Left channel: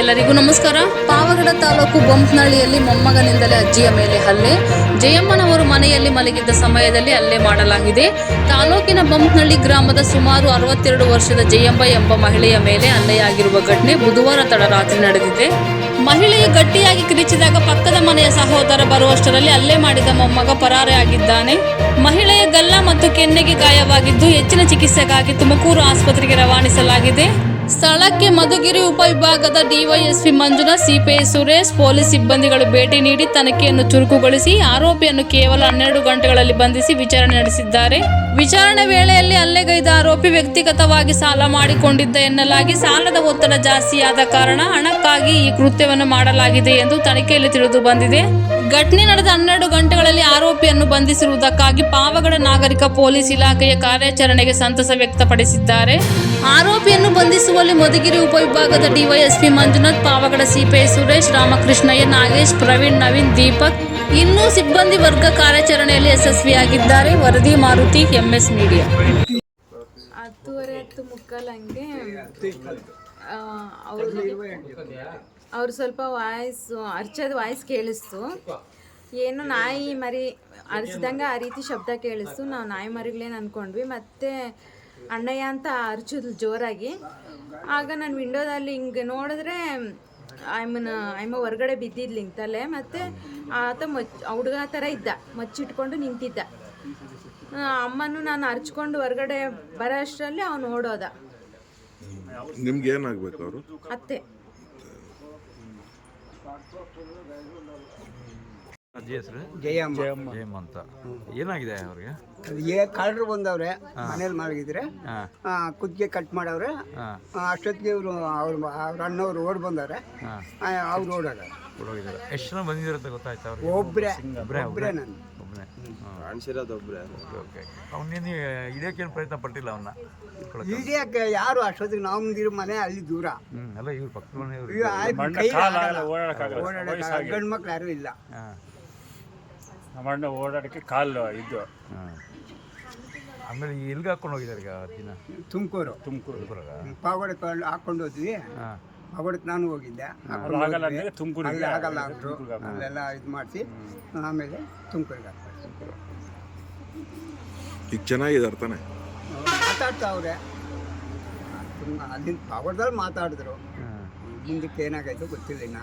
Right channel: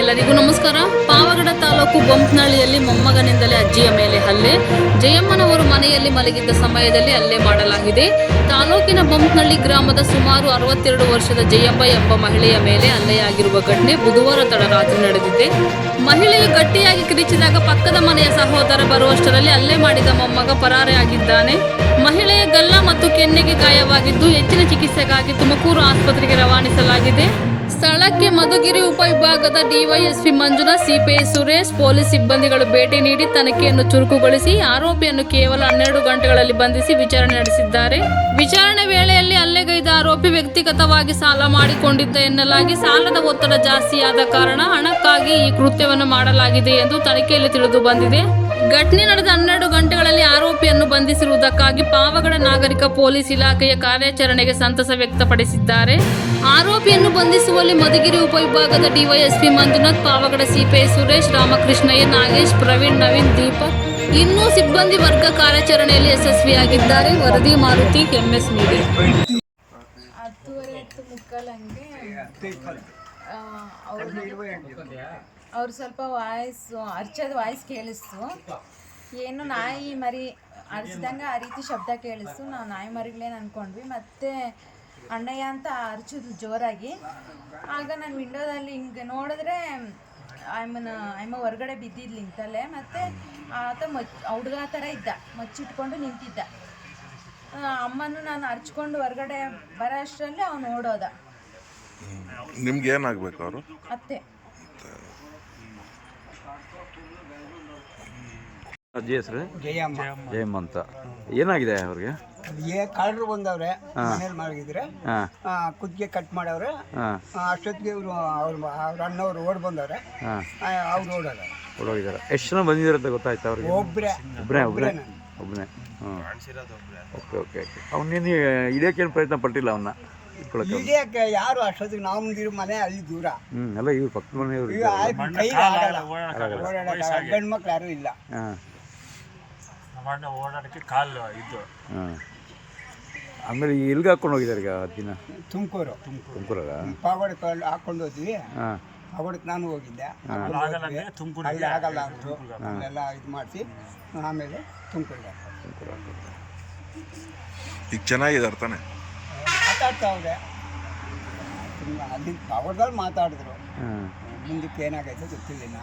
ಎಲ್ಲರಿಗೂ ನಮಸ್ಕಾರ. ಪಾವಗಡ ತಾಲೂಕು ಬೊಂಪ್ನಹಳ್ಳಿಯಲ್ಲಿ ಮೊಮ್ಮಗನಿಂದಲೇ ಅಜ್ಜಿಯ ಮೇಲೆ ಹಲ್ಲೆ. ಜಯಮ್ಮನವರು ಮನೆಯಲ್ಲಿ ಮಲಗಿದ್ದ ಸಮಯದಲ್ಲಿ ಹಲ್ಲೆ ಮಾಡಲಾಗಿದೆ. ತಾಲೂಕಿನ ಬೊಂಪ್ನಹಳ್ಳಿ ಗ್ರಾಮದ ಸುಮಾರು ಅರವತ್ತೆರಡು ವರ್ಷದ ಜಯಮ್ಮ ಎಂಬ ಮಹಿಳೆಯ ಮೇಲೆ ಹಲ್ಲೆಯಾಗಿರುವ ಘಟನೆ ಬುಧವಾರ ತಡರಾತ್ರಿ ನಡೆದಿದೆ. ಮಹಿಳೆಯು ಗಟ್ಟಿಯಾಗಿ ಕಿರಿಚಿದಾಗ ಪಕ್ಕದ ಮನೆಯ ಸಹೋದರ ಬರುವಷ್ಟರಲ್ಲಿ ಹಲ್ಲೆ ಮಾಡಿದ ಮೊಮ್ಮಗ ಪರಾರಿಯಾಗಿದ್ದಾನೆ. ಮಹಿಳೆಯ ಗಲ್ಲ ಮತ್ತು ಕೆನ್ನೆಗೆ ಗಾಯವಾಗಿದ್ದು ಹೆಚ್ಚಿನ ಚಿಕಿತ್ಸೆಗಾಗಿ ತುಮಕೂರು ಆಸ್ಪತ್ರೆಗೆ ರವಾನಿಸಲಾಗಿದೆ. ಸ್ಥಳಕ್ಕೆ ಮಧುಗಿರಿ ಉಪವಿಭಾಗದ DySP Manjunath, CPI Suresh, police ಸಿಬ್ಬಂದಿಗಳು ಭೇಟಿ ನೀಡಿ ತನಿಖೆಯನ್ನು ಚುರುಕುಗೊಳಿಸಿ ಆರೋಪಿಯನ್ನು ಕೇವಲ ಹನ್ನೆರಡು ಗಂಟೆಗಳಲ್ಲಿ ಬಂಧಿಸಿ ವಿಚಾರಣೆ ನಡೆಸಿದ್ದಾರೆ. ವಿಚಾರಣೆ ವೇಳೆಯಲ್ಲಿ ಹಲ್ಲೆಗೈದ ಆರೋಪಿ ವ್ಯಕ್ತಿಗತವಾಗಿ ಸಾಲ ಮಾಡಿಕೊಂಡಿದ್ದ ಎನ್ನಲಾಗಿ ಸಾಲದ ಒತ್ತಡ ಜಾಸ್ತಿಯಾದ ಕಾರಣ ಹಣಕ್ಕಾಗಿ ಈ ಕೃತ್ಯವನ್ನು ಮಾಡಲಾಗಿದೆ ಎಂದು ತನಿಖೆಯಲ್ಲಿ ತಿಳಿದು ಬಂದಿದೆ. ಘಟನೆ ನಡೆದ ಹನ್ನೆರಡು ಗಂಟೆಗಳಲ್ಲಿ ಆರೋಪಿಯನ್ನು ಬಂಧಿಸಿರುವುದಕ್ಕಾಗಿ ಪಾವಗಡ ನಾಗರಿಕ ಪೊಲೀಸ್ ಇಲಾಖೆಯ ಕಾರ್ಯಾಚರಣೆಗೆ ಸಂತಸ ವ್ಯಕ್ತಪಡಿಸಿದ್ದಾರೆ. ಆರೋಪಿಯನ್ನು ಬಂಧಿಸುವಲ್ಲಿ ಮಧುಗಿರಿ ಉಪವಿಭಾಗದ ಡಿವೈಎಸ್ಪಿ ಮಂಜುನಾಥ್, ಪಾವಗಡ ಸಿಪಿಐ ಸುರೇಶ್, ರಾಮಕೃಷ್ಣಯ್ಯ ನಾಗೇಶ್, ಪ್ರವೀಣ್, ನವೀನ್, ದೀಪಕ್ ಇನ್ನೂ ಸಿಬ್ಬಂದಿ ವರ್ಗ ಕಾರ್ಯಾಚರಣೆಯಲ್ಲಿ ಯಶಸ್ವಿಯಾಗಿದ್ದಾರೆ. ವರದಿ ಮಾರುತಿ, ಎಂಎಸ್ ಮೀಡಿಯಾ. ಹತ್ತುವರೆ ಅವ್ರು ಸ್ವಲ್ಪ ವಾಯ್ಸು ಅರ್ಚದ ವಾಯ್ಸ್ ಕೇಳಿಸ್ತು. ಏನು ನಾಯಿ ಮರಿ ಅರ್ಚಿದಂಗೆ ಆ ರೀತಿ ಶಬ್ದ ಕೇಳಿಸ್ತು. ನಾವು ನಾಯಿ ಮರಿಗಳೇನು ಅಂದ್ಕೊಂಡ್ವಿ ಮತ್ತು ಅಣ್ಣಯ್ಯ ಅಂತ ಅರ್ಚಿದ್ಲು ಜೋರಾಗಿ. ಆಗ ನಾನು ವಿಂಡೋದಲ್ಲಿ ಹಿಂಗೆ ನೋಡಿದ್ರೆ ಐಮನ್ ಐಮ ಹೊರಗಡೆ ಬಿದ್ದಿದ್ಲು ತಲೆ ಮತ್ತು ಆತ ಮಚ್ ಹುಡುಗ ಥರ ಇದ್ದ. ಮಚ್ಚಿಟ್ಕೊಂಡು ನಿಂತಿದ್ದ. ಅಮ್ಮನೂ ನಾನು ಹರ್ಚ್ಕೊಂಡು ಹೊರಗಡೆ ಬರೋ ಅಷ್ಟರಲ್ಲಿ ಅವನು ಓಡೋದ. ನಿಮ್ಗೆ ಏನಾಗಬೇಕು ಅವರು? ಅತ್ತೆ. ಅಜ್ಜಿ ಹೆಸರು? ಜಯಮ್ಮ. ಜಯಮ್ಮ ಅಂತ. ಏನಾಗಿದೆ ಅವ್ರಿಗೆ? ಅದು ಏ ಕಳ್ಳರು ಬಂದವ್ರೆ ಮನೇಲಿ ಮಲಗಿದ್ರೆ ಕುತ್ತಿಗೆ ಕಟ್ ಮಾಡವ್ರೆ ಅಷ್ಟೊತ್ತಿಗೆ ಇವರು ಅವ್ರ ಅವ್ರ ಅಣ್ಣವ್ರು ಓಡ್ ಬಂದವ್ರೆ. ಅವ್ರು ಓಡೋದ ಹೊರಗಿದ್ದಾರೆ ಎಷ್ಟು ಜನ ಬಂದಿದ್ದಾರೆ ಅಂತ ಗೊತ್ತಾಯ್ತು ಅವ್ರಿಗೆ? ಒಬ್ರೆ. ಒಬ್ಬರೇ ಒಬ್ರೆ? ಒಬ್ಬರೇ ನಾನು. ಒಬ್ಬನೇ ಓಕೆ ಓಕೆ. ಅವನೇನು ಹಿಡಿಯೋಕ್ಕೇನು ಪ್ರಯತ್ನ ಪಟ್ಟಿಲ್ಲ ಅವನ್ನ ಈಡೇಕೆ ಯಾರು ಅಷ್ಟೊತ್ತಿಗೆ ನಾವು ಮುಂದಿರೋ ಮನೆ ಅಲ್ಲಿ ದೂರ? ಹ್ಞೂ ಎಲ್ಲ ಇವ್ರು ಪಕ್ಕದ ಮನೆಯವರು ಆಯ್ತು ಕೈ ಆಗಲ್ಲ. ಓಡಾಡಕ್ಕಾಗಲ್ಲ ಗಂಡು ಮಕ್ಳು ಯಾರು ಇಲ್ಲ. ಹಾಂ. ನಮ್ಮ ಅಣ್ಣ ಓಡಾಡಕ್ಕೆ ಕಾಲು ಇದು. ಹಾಂ. ಆಮೇಲೆ ಎಲ್ಗೆ ಹಾಕೊಂಡು ಹೋಗಿದ್ದಾರೆ ಈಗ ದಿನ? ತುಮಕೂರು. ತುಮಕೂರಲ್ಲ? ಪಾಗೋಡೆ ಕಳ್ ಹಾಕೊಂಡು ಹೋದ್ವಿ. ಹಾಂ. ಪಾಗೋಡಕ್ಕೆ ನಾನು ಹೋಗಿದ್ದೆ. ಹಾಕೊಂಡು ಹೋದ್ವಿ. ತುಮಕೂರಿಗೆ ಅಲ್ಲಿ ಆಗಲ್ಲ ಅಂದರು. ಅಲ್ಲೆಲ್ಲ ಇದು ಮಾಡಿಸಿ ಆಮೇಲೆ ತುಮಕೂರಿಗೆ ಈಗ ಚೆನ್ನಾಗಿದ್ದಾರೆ ತಾನೆ? ಮಾತಾಡ್ತಾವ್ರೆ. ತುಂಬ ಅದನ್ನ ಪವರ್ದಲ್ಲಿ ಮಾತಾಡಿದ್ರು. ಮುಂದಕ್ಕೆ ಏನಾಗೈತೋ ಗೊತ್ತಿಲ್ಲ